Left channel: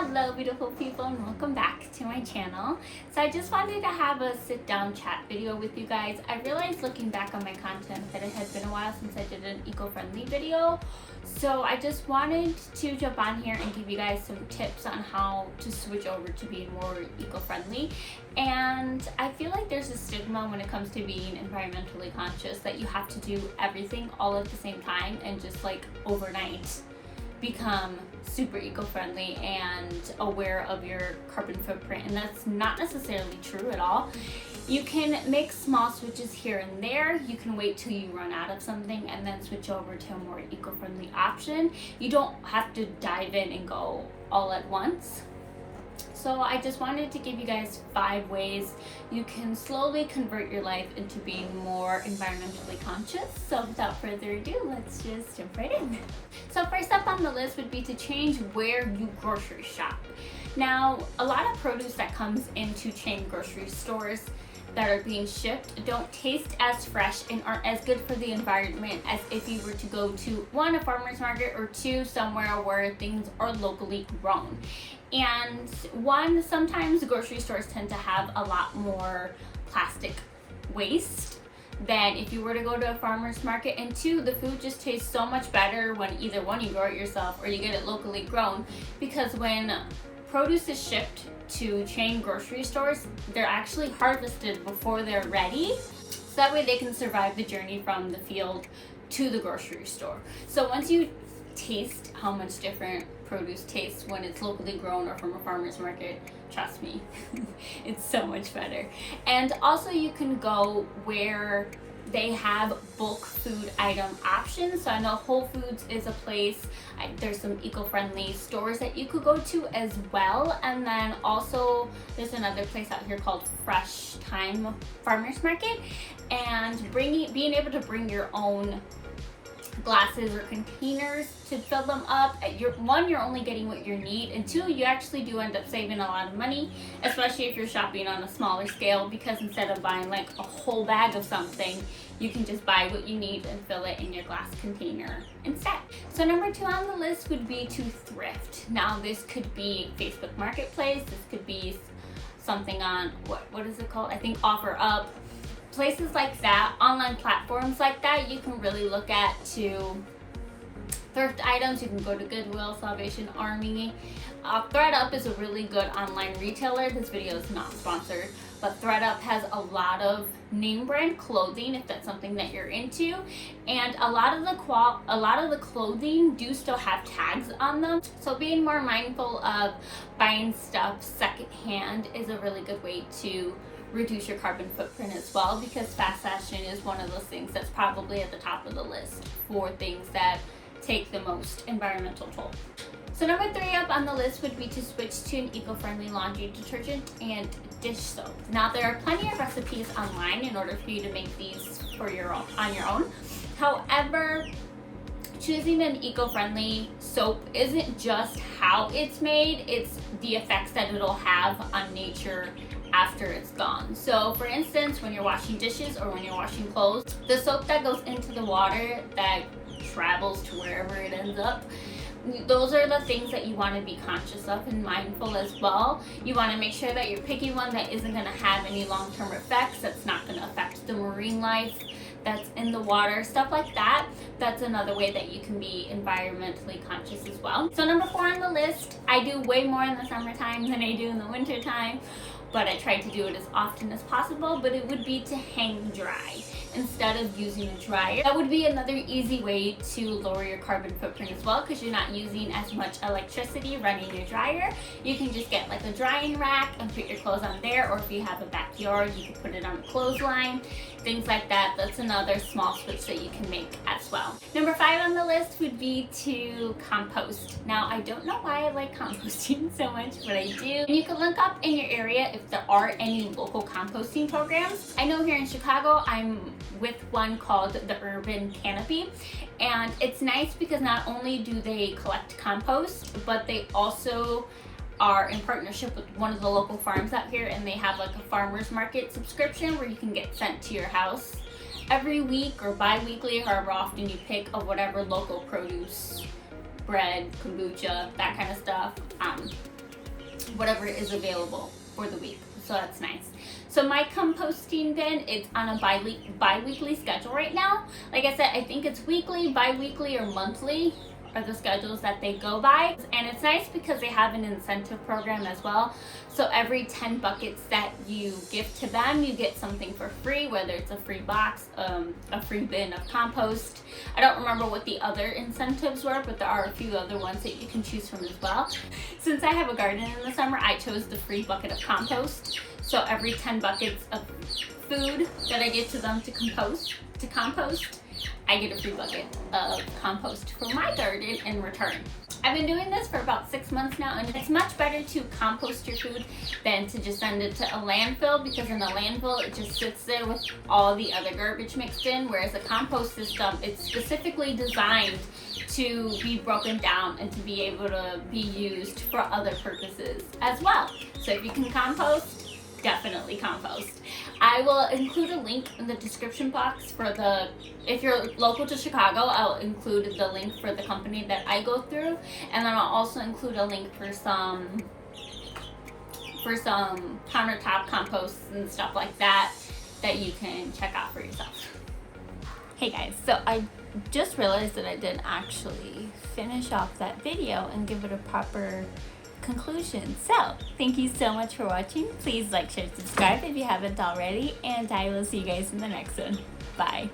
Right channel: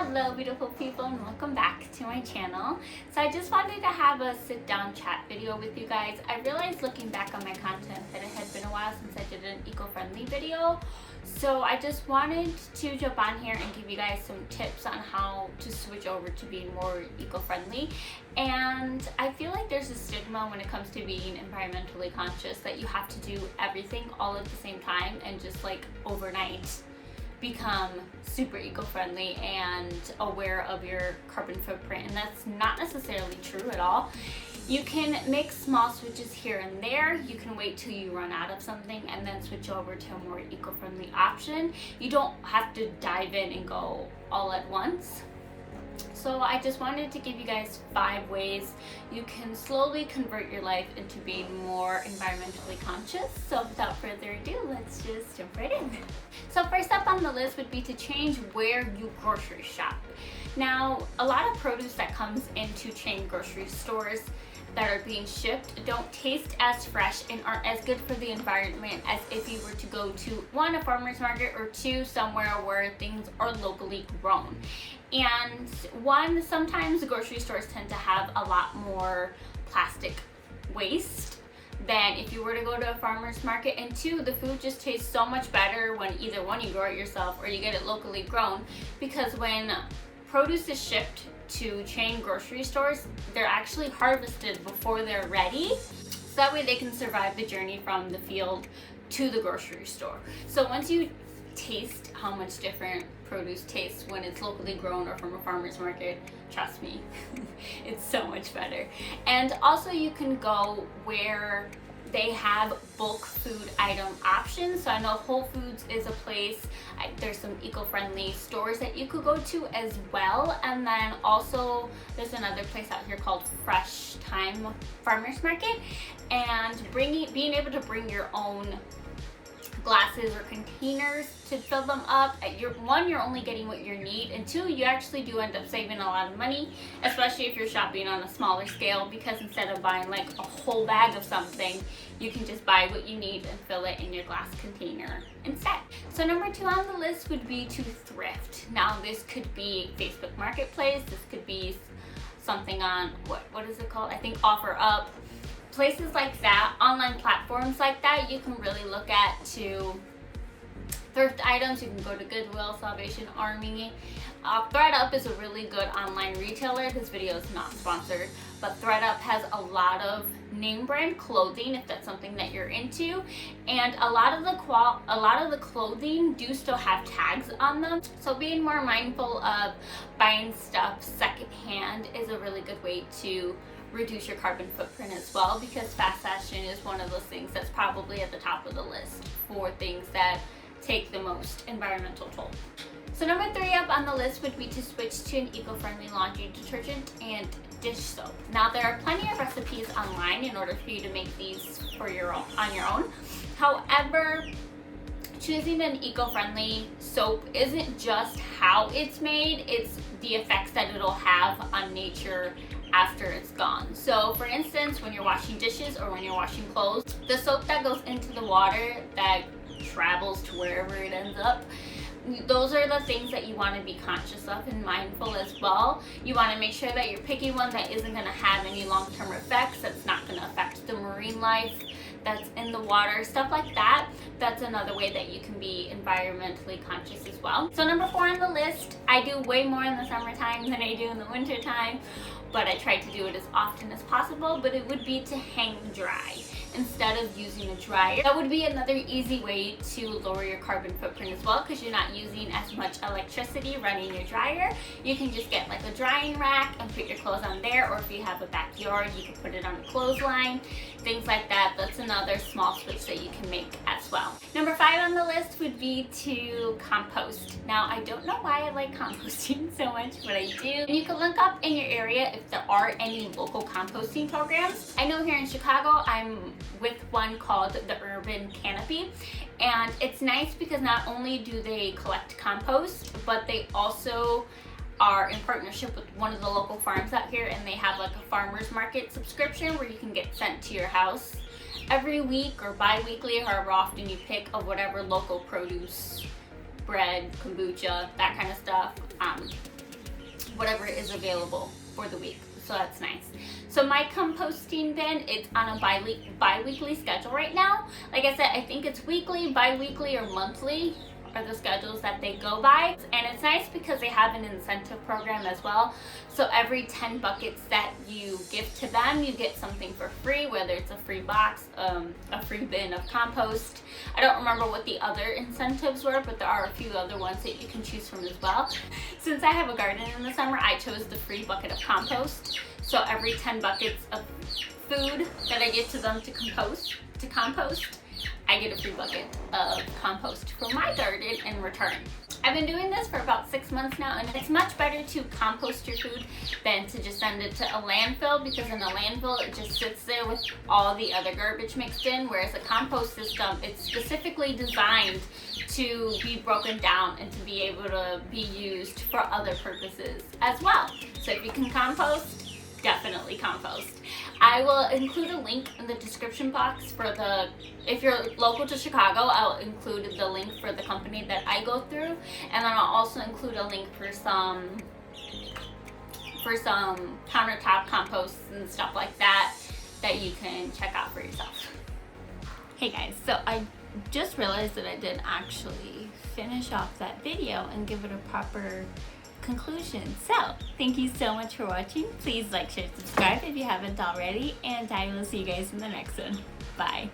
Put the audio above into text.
Hello beautiful people and welcome back to my channel. So I just wanted to have a sit down chat video with you guys. I realized looking back on my content that it had been a while since I did an eco-friendly video. So I just wanted to jump on here and give you guys some tips on how to switch over to being more eco-friendly. And I feel like there's a stigma when it comes to being environmentally conscious that you have to do everything all at the same time and just like overnight become super eco-friendly and aware of your carbon footprint, and that's not necessarily true at all. You can make small switches here and there. You can wait till you run out of something and then switch over to a more eco-friendly option. You don't have to dive in and go all at once. So I just wanted to give you guys 5 ways you can slowly convert your life into being more environmentally conscious. So without further ado, let's just jump right in. So first up on the list would be to change where you grocery shop. Now, a lot of produce that comes into chain grocery stores that are being shipped don't taste as fresh and aren't as good for the environment as if you were to go to 1, a farmer's market, or 2, somewhere where things are locally grown. And 1, sometimes grocery stores tend to have a lot more plastic waste than if you were to go to a farmer's market, and 2, the food just tastes so much better when either 1, you grow it yourself or you get it locally grown, because when produce is shipped to chain grocery stores, they're actually harvested before they're ready, so that way they can survive the journey from the field to the grocery store. So once you taste how much different produce tastes when it's locally grown or from a farmer's market, trust me, it's so much better. And also you can go where they have bulk food item options. So I know Whole Foods is a place. There's some eco-friendly stores that you could go to as well. And then also there's another place out here called Fresh Time Farmers Market. And being able to bring your own glasses or containers to fill them up. You're only getting what you need, and 2, you actually do end up saving a lot of money, especially if you're shopping on a smaller scale, because instead of buying like a whole bag of something, you can just buy what you need and fill it in your glass container instead. So number 2 on the list would be to thrift. Now this could be Facebook Marketplace, this could be something on, what is it called? I think OfferUp. Places like that, online platforms like that, you can really look at to thrift items. You can go to Goodwill, Salvation Army. ThredUp is a really good online retailer. This video is not sponsored, but ThredUp has a lot of name brand clothing if that's something that you're into, and a lot of the clothing do still have tags on them. So being more mindful of buying stuff secondhand is a really good way to reduce your carbon footprint as well, because fast fashion is one of those things that's probably at the top of the list for things that take the most environmental toll. So number 3 up on the list would be to switch to an eco-friendly laundry detergent and dish soap. Now there are plenty of recipes online in order for you to make these on your own. However, choosing an eco-friendly soap isn't just how it's made, it's the effects that it'll have on nature after it's gone. So for instance, when you're washing dishes or when you're washing clothes, the soap that goes into the water that travels to wherever it ends up, those are the things that you want to be conscious of and mindful as well. You want to make sure that you're picking one that isn't going to have any long-term effects, that's not going to affect the marine life that's in the water, stuff like that. That's another way that you can be environmentally conscious as well. So number 4 on the list, I do way more in the summertime than I do in the winter time, but I try to do it as often as possible, but it would be to hang dry instead of using a dryer. That would be another easy way to lower your carbon footprint as well, because you're not using as much electricity running your dryer. You can just get like a drying rack and put your clothes on there, or if you have a backyard, you can put it on a clothesline, things like that. That's another small switch that you can make as well. Number 5 on the list would be to compost. Now I don't know why I like composting so much, but I do. And you can look up in your area if there are any local composting programs. I know here in Chicago, I'm with one called the Urban Canopy, and it's nice because not only do they collect compost, but they also are in partnership with one of the local farms out here, and they have like a farmer's market subscription where you can get sent to your house every week or bi-weekly, however often you pick, of whatever local produce, bread, kombucha, that kind of stuff. whatever is available for the week. So that's nice. So my composting bin, it's on a bi-weekly schedule right now. Like I said, I think it's weekly, bi-weekly, or monthly are the schedules that they go by. And it's nice because they have an incentive program as well. So every 10 buckets that you give to them, you get something for free, whether it's a free box, a free bin of compost. I don't remember what the other incentives were, but there are a few other ones that you can choose from as well. Since I have a garden in the summer, I chose the free bucket of compost. So every 10 buckets of food that I give to them to compost, I get a free bucket of compost for my garden in return. I've been doing this for about 6 months now, and it's much better to compost your food than to just send it to a landfill, because in a landfill it just sits there with all the other garbage mixed in, whereas a compost system, it's specifically designed to be broken down and to be able to be used for other purposes as well. So if you can compost, definitely compost. I will include a link in the description box for if you're local to Chicago, I'll include the link for the company that I go through, and then I'll also include a link for some countertop composts and stuff like that you can check out for yourself. Hey guys, so I just realized that I didn't actually finish off that video and give it a proper conclusion. So thank you so much for watching. Please like, share, subscribe if you haven't already, and I will see you guys in the next one. Bye.